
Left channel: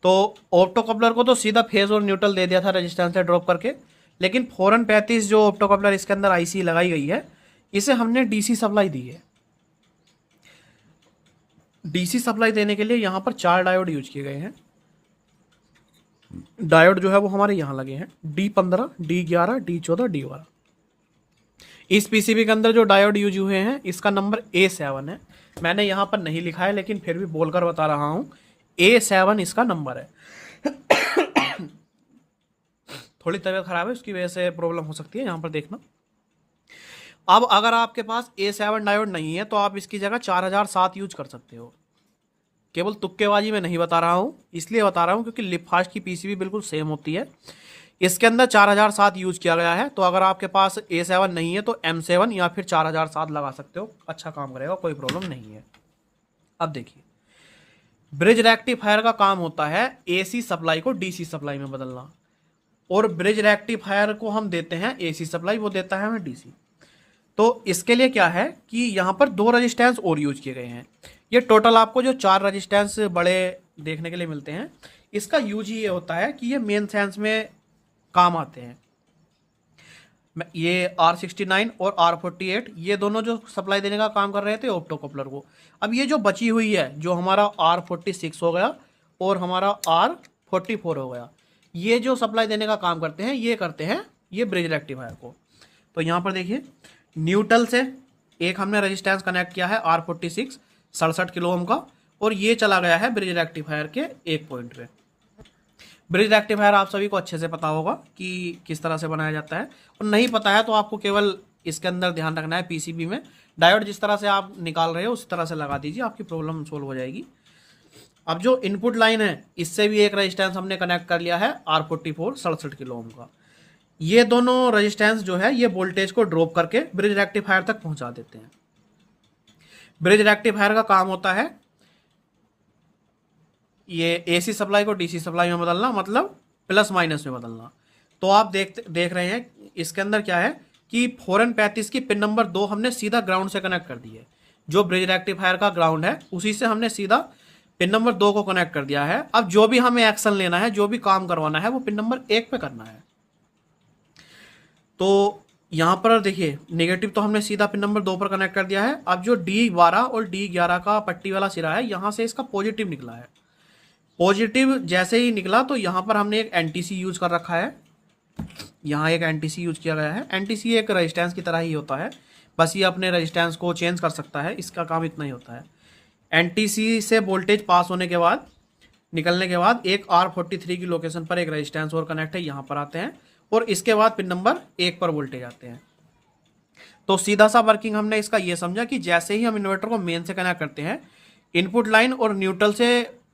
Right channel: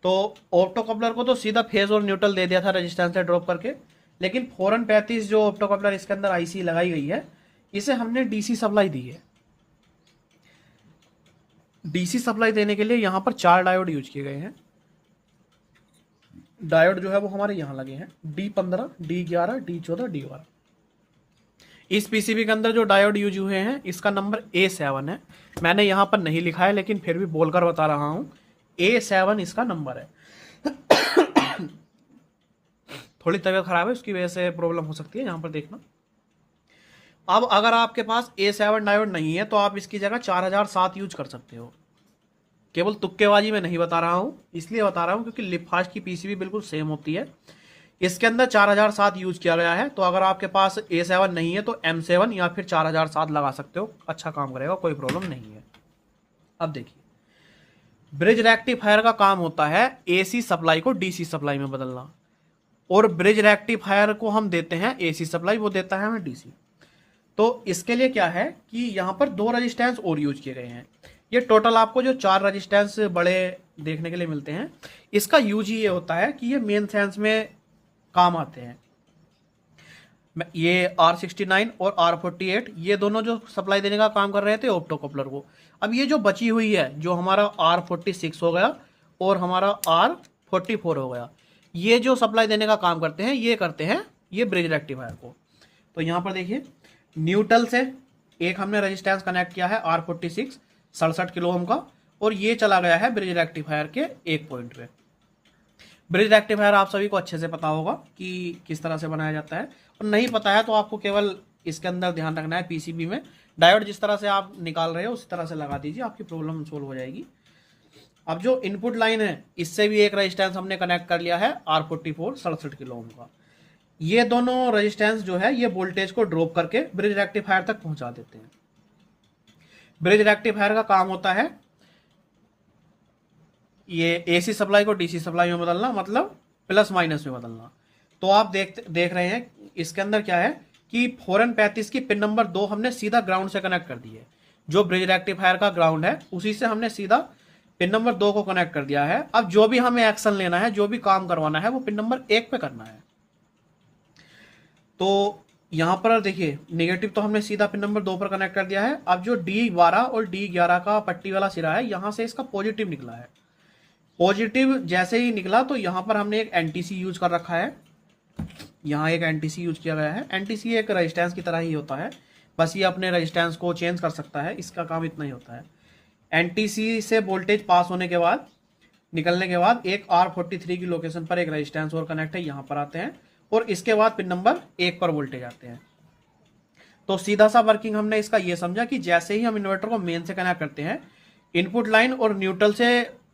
तो ऑप्टोकपलर को तो सीधा फेज और न्यूट्रल दे दिया था रेजिस्टेंस से ड्रॉप करके, लेकिन 4N35 जो ऑप्टोकपलर इसके अंदर आईसी लगाई गई है इसे हमने डीसी सप्लाई दी है। डीसी सप्लाई देने के लिए यहां पर 4 डायोड यूज किए गए हैं। डायोड जो है वो हमारे यहां लगे हैं, D15, D11, D14, D12। इस पीसीबी के अंदर जो डायोड यूज हुए हैं इसका नंबर A7 है। मैंने यहां पर नहीं लिखा है लेकिन फिर भी बोलकर बता रहा हूं, A7 इसका नंबर है। थोड़ी तबीयत खराब है, उसकी वजह से प्रॉब्लम हो सकती है, यहां पर देखना। अब अगर आपके पास A7 डायोड नहीं है तो आप इसकी जगह 4007 यूज कर सकते हो। केवल तुक्केबाजी में नहीं बता रहा हूं, इसलिए बता रहा हूं क्योंकि लिपफास्ट की पीसीबी बिल्कुल सेम होती है। इसके अंदर 4007 यूज किया गया है, तो अगर आपके पास A7 नहीं है तो M7 या फिर 4007 लगा सकते हो, अच्छा काम करेगा, कोई प्रॉब्लम नहीं है। अब देखिए, ब्रिज रेक्टिफायर का काम होता है एसी सप्लाई को डीसी सप्लाई में बदलना, और ब्रिज रेक्टिफायर को हम देते हैं एसी सप्लाई, वो देता है हमें डीसी। तो इसके लिए क्या है कि यहाँ पर 2 रजिस्टेंस और यूज किए गए हैं। ये टोटल आपको जो 4 रजिस्टेंस बड़े देखने के लिए मिलते हैं, इसका यूज ही ये होता है कि ये मेन सेंस में काम आते हैं। ये R69 और R48 ये दोनों जो सप्लाई देने का काम कर रहे थे ऑप्टोकपलर को। अब ये जो बची हुई है, जो हमारा R46 हो गया और हमारा R44 हो गया, ये जो सप्लाई देने का काम करते हैं ये करते हैं ये ब्रिज रेक्टिफायर को। तो यहाँ पर देखिए, न्यूट्रल से एक हमने रेजिस्टेंस कनेक्ट किया है R46 67 किलो ओम का, और ये चला गया है ब्रिज रेक्टिफायर के एक पॉइंट पे। ब्रिज रेक्टिफायर आप सभी को अच्छे से पता होगा कि किस तरह से बनाया जाता है, और नहीं पता है तो आपको केवल इसके अंदर ध्यान रखना है, पीसीबी में डायोड जिस तरह से आप निकाल रहे हो उस तरह से लगा दीजिए, आपकी प्रॉब्लम सोल्व हो जाएगी। अब जो इनपुट लाइन है इससे भी एक रेजिस्टेंस हमने कनेक्ट कर लिया है R44 67 किलो ओम का। ये दोनों रेजिस्टेंस जो है ये वोल्टेज को ड्रॉप करके ब्रिज रेक्टिफायर तक पहुंचा देते हैं। ब्रिज रेक्टिफायर का काम होता है ये एसी सप्लाई को डीसी सप्लाई में बदलना, मतलब प्लस माइनस में बदलना। तो आप देख रहे हैं इसके अंदर क्या है कि 4N35 की पिन नंबर 2 हमने सीधा ग्राउंड से कनेक्ट कर दी है। जो ब्रिज रेक्टिफायर का ग्राउंड है उसी से हमने सीधा पिन नंबर 2 को कनेक्ट कर दिया है। अब जो भी हमें एक्शन लेना है, जो भी काम करवाना है, वो पिन नंबर 1 पे करना है। तो यहां पर देखिए, नेगेटिव तो हमने सीधा पिन नंबर 2 पर कनेक्ट कर दिया है। अब जो D12 और D11 का पट्टी वाला सिरा है, यहां से इसका पॉजिटिव निकला है। पॉजिटिव जैसे ही निकला तो यहां पर हमने एक एनटीसी यूज कर रखा है, यहाँ एक एनटीसी यूज किया गया है। एनटीसी एक रेजिस्टेंस की तरह ही होता है, बस ये अपने रेजिस्टेंस को चेंज कर सकता है, इसका काम इतना ही होता है। एनटीसी से वोल्टेज पास होने के बाद, निकलने के बाद, एक R43 की लोकेशन पर एक रेजिस्टेंस और कनेक्ट है, यहाँ पर आते हैं और इसके बाद पिन नंबर 1 पर वोल्टेज आते हैं। तो सीधा सा वर्किंग हमने इसका ये समझा कि जैसे ही हम इन्वर्टर को मेन से कनेक्ट करते हैं, इनपुट लाइन और न्यूट्रल से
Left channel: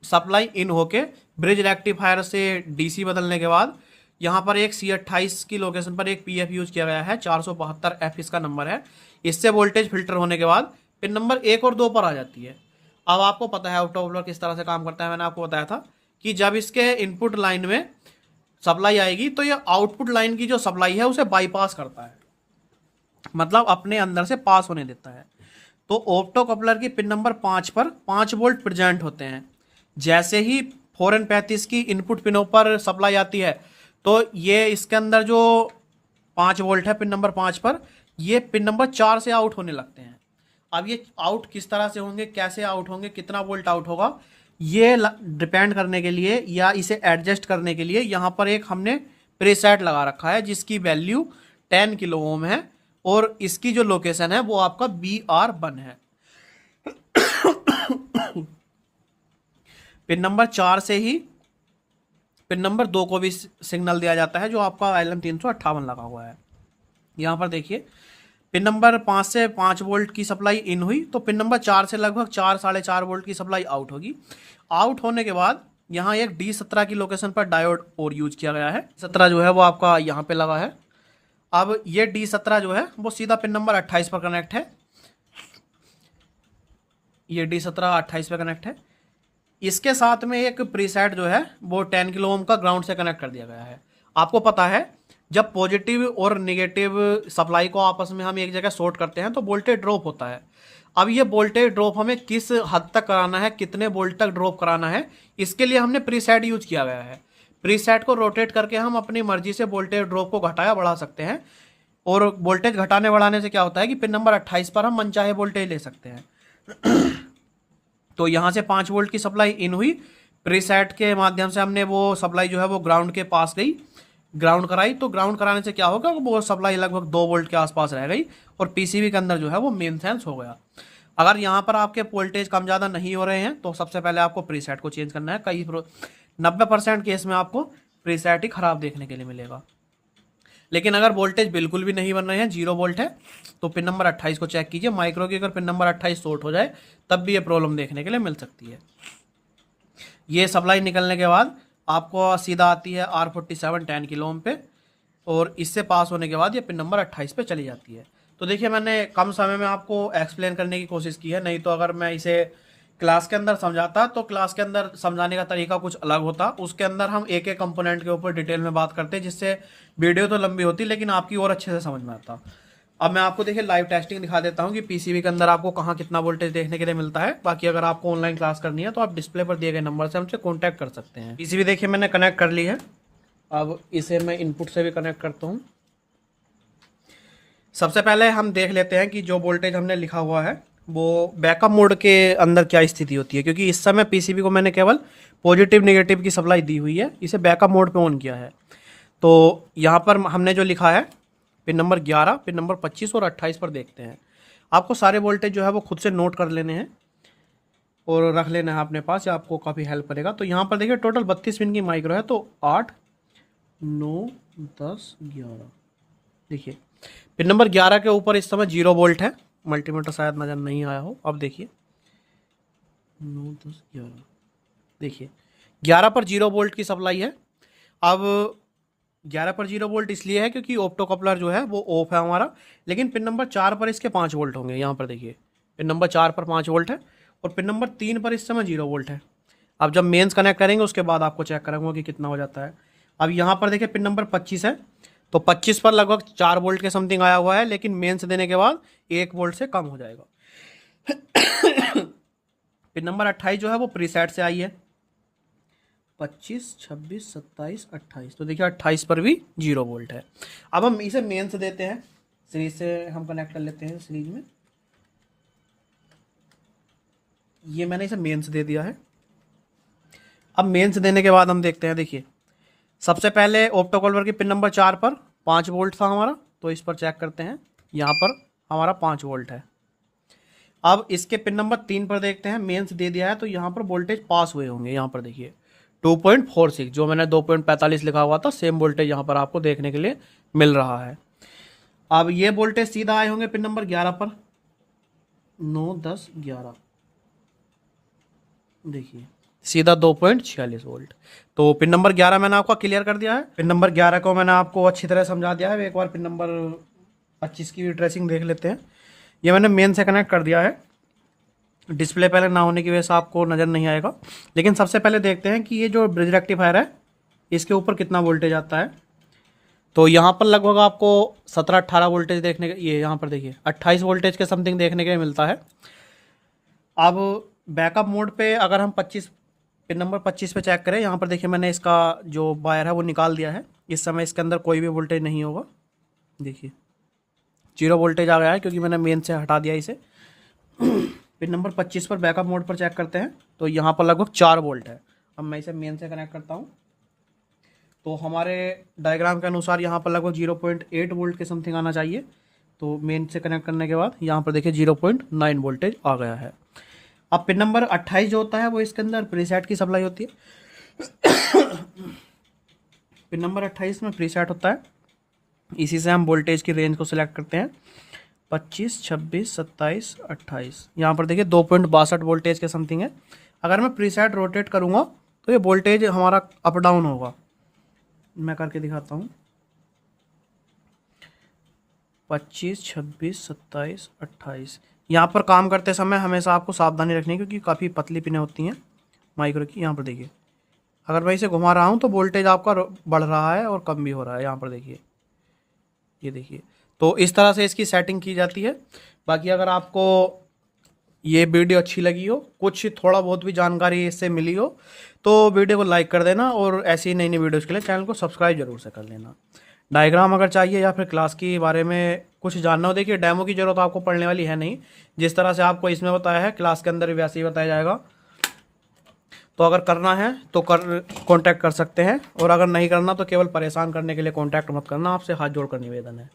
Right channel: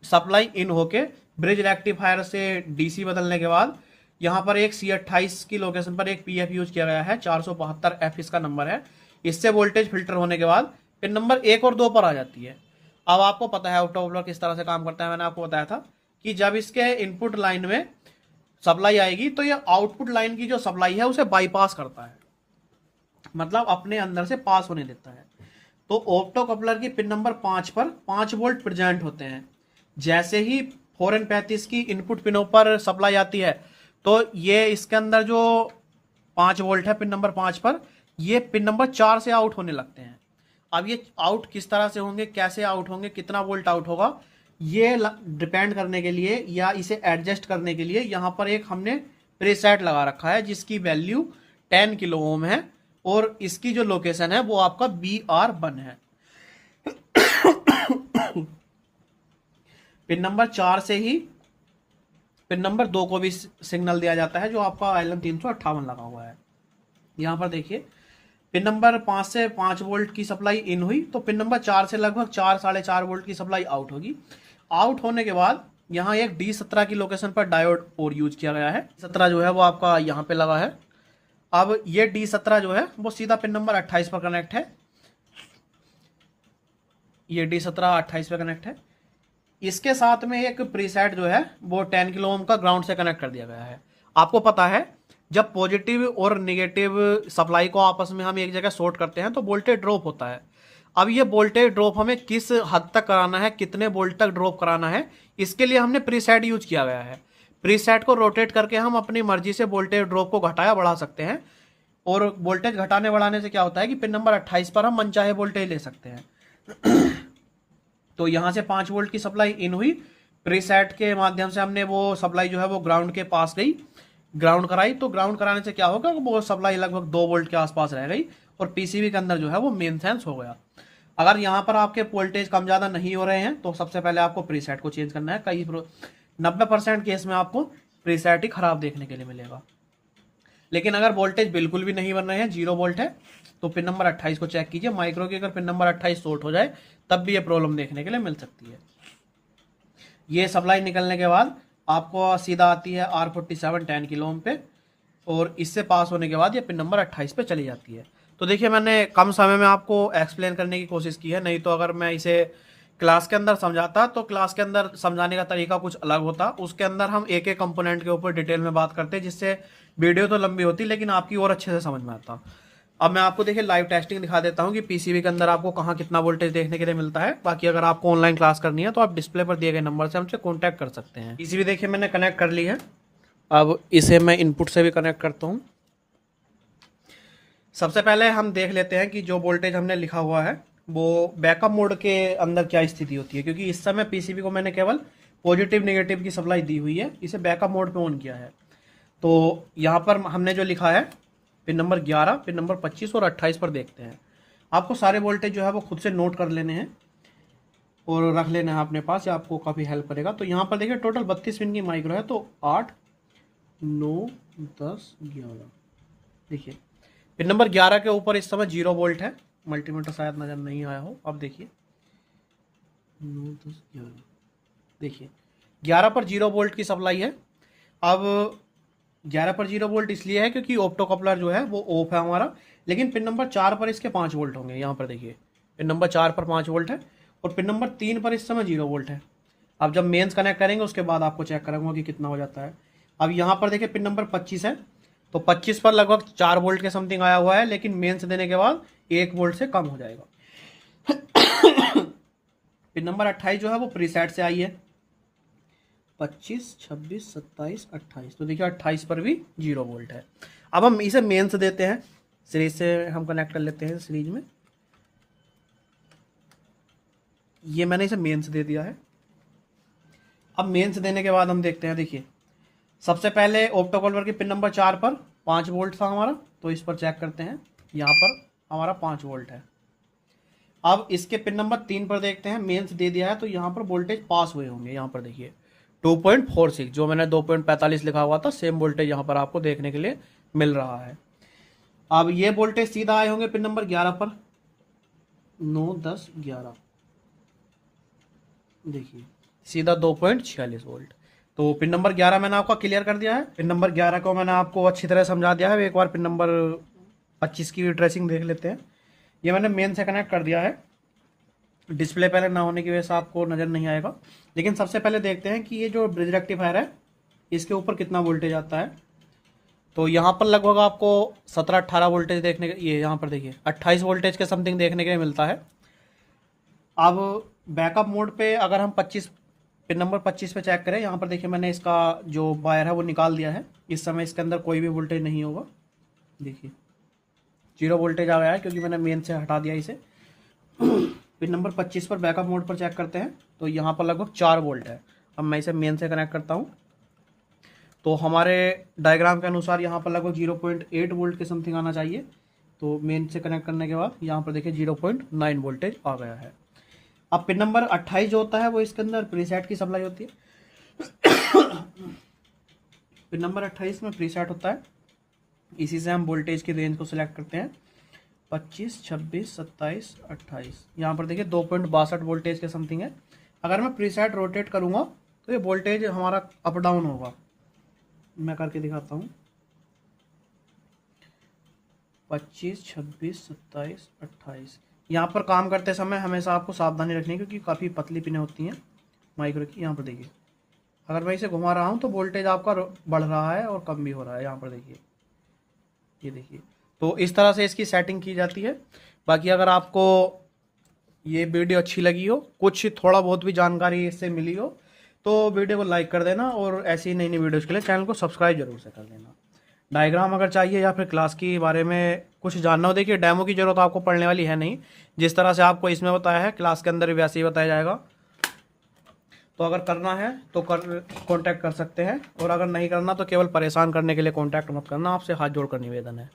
सप्लाई इन होके ब्रिज रेक्टिफायर से डीसी बदलने के बाद यहाँ पर एक C28 की लोकेशन पर एक पीएफ यूज किया गया है, 472F इसका नंबर है। इससे वोल्टेज फिल्टर होने के बाद पिन नंबर 1 और 2 पर आ जाती है। अब आपको पता है ऑप्टोकपलर किस तरह से काम करता है। मैंने आपको बताया था कि जब इसके इनपुट लाइन में सप्लाई आएगी तो ये आउटपुट लाइन की जो सप्लाई है उसे बाईपास करता है, मतलब अपने अंदर से पास होने देता है। तो ऑप्टोकपलर की पिन नंबर 5 पर 5 वोल्ट प्रेजेंट होते हैं। जैसे ही 4N35 की इनपुट पिनों पर सप्लाई आती है तो ये इसके अंदर जो 5 वोल्ट है पिन नंबर 5 पर, ये पिन नंबर 4 से आउट होने लगते हैं। अब ये आउट किस तरह से होंगे, कैसे आउट होंगे, कितना वोल्ट आउट होगा, ये डिपेंड करने के लिए या इसे एडजस्ट करने के लिए यहाँ पर एक हमने प्रीसेट लगा रखा है जिसकी वैल्यू 10 किलो ओम है और इसकी जो लोकेशन है वो आपका BR1 है। पिन नंबर 4 से ही पिन नंबर 2 को भी सिग्नल दिया जाता है जो आपका LM358 लगा हुआ है। यहाँ पर देखिए पिन नंबर 5 से 5 वोल्ट की सप्लाई इन हुई तो पिन नंबर 4 से लगभग 4-4.5 वोल्ट की सप्लाई आउट होगी। आउट होने के बाद यहाँ एक D17 की लोकेशन पर डायोड और यूज किया गया है। 17 जो है वो आपका यहाँ पे लगा है। अब ये D17 जो है वो सीधा पिन नंबर 28 पर कनेक्ट है। ये D17 28 पर कनेक्ट है। इसके साथ में एक प्रीसेट जो है वो 10 किलो ओम का ग्राउंड से कनेक्ट कर दिया गया है। आपको पता है जब पॉजिटिव और नेगेटिव सप्लाई को आपस में हम एक जगह शॉर्ट करते हैं तो वोल्टेज ड्रॉप होता है। अब ये वोल्टेज ड्रॉप हमें किस हद तक कराना है, कितने वोल्ट तक ड्रॉप कराना है, इसके लिए हमने प्रीसेट यूज किया गया है। प्रीसेट को रोटेट करके हम अपनी मर्जी से वोल्टेज ड्रॉप को घटाया बढ़ा सकते हैं और वोल्टेज घटाने बढ़ाने से क्या होता है कि पिन नंबर 28 पर हम मनचाहे वोल्टेज ले सकते हैं। तो यहाँ से 5 वोल्ट की सप्लाई इन हुई, प्रीसेट के माध्यम से हमने वो सप्लाई जो है वो ग्राउंड के पास गई, ग्राउंड कराई। तो ग्राउंड कराने से क्या होगा, वो सप्लाई लगभग 2 वोल्ट के आसपास रह गई और पीसीबी के अंदर जो है वो मेन सेंस हो गया। अगर यहाँ पर आपके वोल्टेज कम ज़्यादा नहीं हो रहे हैं तो सबसे पहले आपको प्रीसेट को चेंज करना है। कई 90% केस में आपको प्रीसेट ही खराब देखने के लिए मिलेगा। लेकिन अगर वोल्टेज बिल्कुल भी नहीं बन रहे हैं, 0 वोल्ट है, तो पिन नंबर 28 को चेक कीजिए। माइक्रो की अगर पिन नंबर 28 शॉर्ट हो जाए तब भी ये प्रॉब्लम देखने के लिए मिल सकती है। ये सप्लाई निकलने के बाद आपको सीधा आती है R47 10 किलो ओम पे और इससे पास होने के बाद ये पिन नंबर 28 पे चली जाती है। तो देखिए मैंने कम समय में आपको एक्सप्लेन करने की कोशिश की है, नहीं तो अगर मैं इसे क्लास के अंदर समझाता तो क्लास के अंदर समझाने का तरीका कुछ अलग होता। उसके अंदर हम एक एक कंपोनेंट के ऊपर डिटेल में बात करते जिससे वीडियो तो लंबी होती लेकिन आपकी और अच्छे से समझ में आता। अब मैं आपको देखिए लाइव टेस्टिंग दिखा देता हूँ कि पीसीबी के अंदर आपको कहाँ कितना वोल्टेज देखने के लिए मिलता है। बाकी अगर आपको ऑनलाइन क्लास करनी है तो आप डिस्प्ले पर दिए गए नंबर से हमसे कॉन्टैक्ट कर सकते हैं। पीसीबी देखिए मैंने कनेक्ट कर ली है। अब इसे मैं इनपुट से भी कनेक्ट करता हूँ। सबसे पहले हम देख लेते हैं कि जो वोल्टेज हमने लिखा हुआ है वो बैकअप मोड के अंदर क्या स्थिति होती है, क्योंकि इस समय पीसीबी को मैंने केवल पॉजिटिव नेगेटिव की सप्लाई दी हुई है, इसे बैकअप मोड पे ऑन किया है। तो यहाँ पर हमने जो लिखा है पिन नंबर 11, पिन नंबर 25 और 28 पर देखते हैं। आपको सारे वोल्टेज जो है वो खुद से नोट कर लेने हैं और रख लेना है अपने पास, या आपको काफ़ी हेल्प करेगा। तो यहाँ पर देखिए टोटल 32 पिन की माइक्रो है, तो 8, 9, 10, 11। देखिए पिन नंबर 11 के ऊपर इस समय 0 वोल्ट है, मल्टीमीटर शायद नज़र नहीं आया हो। अब देखिए 9, 10, 11, देखिए 11 पर 0 वोल्ट की सप्लाई है। अब 11 पर 0 वोल्ट इसलिए है क्योंकि ऑप्टोकपलर जो है वो ऑफ है हमारा, लेकिन पिन नंबर 4 पर इसके 5 वोल्ट होंगे। यहाँ पर देखिए पिन नंबर 4 पर 5 वोल्ट है और पिन नंबर 3 पर इस समय 0 वोल्ट है। अब जब मेंस कनेक्ट करेंगे उसके बाद आपको चेक करूँगा कि कितना हो जाता है। अब यहाँ पर देखिए पिन नंबर 25 है, तो 25 पर लगभग 4 वोल्ट के समथिंग आया हुआ है, लेकिन मेंस देने के बाद 1 वोल्ट से कम हो जाएगा। पिन नंबर 28 जो है वो प्रीसेट से आई है, 25, 26, 27, 28। तो देखिए 28 पर भी 0 वोल्ट है। अब हम इसे मेंस देते हैं, सीरीज से हम कनेक्ट कर लेते हैं सीरीज में। ये मैंने इसे मेंस दे दिया है। अब मेंस देने के बाद हम देखते हैं, देखिए सबसे पहले ऑप्टोकपलर की पिन नंबर 4 पर 5 वोल्ट था हमारा, तो इस पर चेक करते हैं। यहाँ पर हमारा 5 वोल्ट है। अब इसके पिन नंबर 3 पर देखते हैं, मेंस दे दिया है तो यहाँ पर वोल्टेज पास हुए होंगे। यहाँ पर देखिए 2.46, जो मैंने 2.45 लिखा हुआ था सेम वोल्टेज यहाँ पर आपको देखने के लिए मिल रहा है। अब ये वोल्टेज सीधा आए होंगे पिन नंबर 11 पर, 9, 10, 11, देखिए सीधा 2.46 वोल्ट। तो पिन नंबर 11 मैंने आपको क्लियर कर दिया है। पिन नंबर 11 को मैंने आपको अच्छी तरह समझा दिया है। एक बार पिन नंबर 25 की ट्रेसिंग देख लेते हैं। ये मैंने मेन से कनेक्ट कर दिया है। डिस्प्ले पहले ना होने की वजह से आपको नज़र नहीं आएगा, लेकिन सबसे पहले देखते हैं कि ये जो ब्रिज रेक्टिफायर है इसके ऊपर कितना वोल्टेज आता है। तो यहाँ पर लगभग आपको 17-18 वोल्टेज देखने के, ये यहाँ पर देखिए 28 वोल्टेज के समथिंग देखने के मिलता है। अब बैकअप मोड पे अगर हम 25 पिन नंबर 25 पे चेक करें, यहाँ पर देखिए मैंने इसका जो वायर है वो निकाल दिया है। इस समय इसके अंदर कोई भी वोल्टेज नहीं होगा, देखिए 0 वोल्टेज आ गया है क्योंकि मैंने मेन से हटा दिया इसे। पिन नंबर 25 पर बैकअप मोड पर चेक करते हैं तो यहाँ पर लगभग 4 वोल्ट है। अब मैं इसे मेन से कनेक्ट करता हूँ तो हमारे डायग्राम के अनुसार यहाँ पर लगभग 0.8 वोल्ट के समथिंग आना चाहिए। तो मेन से कनेक्ट करने के बाद यहाँ पर देखिए 0.9 वोल्टेज आ गया है। अब पिन नंबर 28 जो होता है वो इसके अंदर प्रीसेट की सप्लाई होती है। पिन नंबर 28 में प्रीसेट होता है, इसी से हम वोल्टेज की रेंज को सिलेक्ट करते हैं 25, 26, 27, 28। यहाँ पर देखिए 2.62 वोल्टेज के समथिंग है। अगर मैं प्रीसेट रोटेट करूँगा तो ये वोल्टेज हमारा अप डाउन होगा। मैं करके दिखाता हूँ 25, 26, 27, 28। यहाँ पर काम करते समय हमेशा आपको सावधानी रखनी है क्योंकि काफ़ी पतली पिनें होती हैं माइक्रो की। यहाँ पर देखिए अगर मैं इसे घुमा रहा हूँ तो वोल्टेज आपका बढ़ रहा है और कम भी हो रहा है। यहाँ पर देखिए, ये देखिए। तो इस तरह से इसकी सेटिंग की जाती है। बाकी अगर आपको ये वीडियो अच्छी लगी हो, कुछ थोड़ा बहुत भी जानकारी इससे मिली हो, तो वीडियो को लाइक कर देना और ऐसी नई नई वीडियोज़ के लिए चैनल को सब्सक्राइब जरूर से कर लेना। डायग्राम अगर चाहिए या फिर क्लास के बारे में कुछ जानना हो, देखिए डेमो की ज़रूरत आपको पड़ने वाली है नहीं, जिस तरह से आपको इसमें बताया है क्लास के अंदर भी वैसे ही बताया जाएगा। तो अगर करना है तो कांटेक्ट कर सकते हैं, और अगर नहीं करना तो केवल परेशान करने के लिए कांटेक्ट मत करना। आपसे हाथ जोड़कर निवेदन है।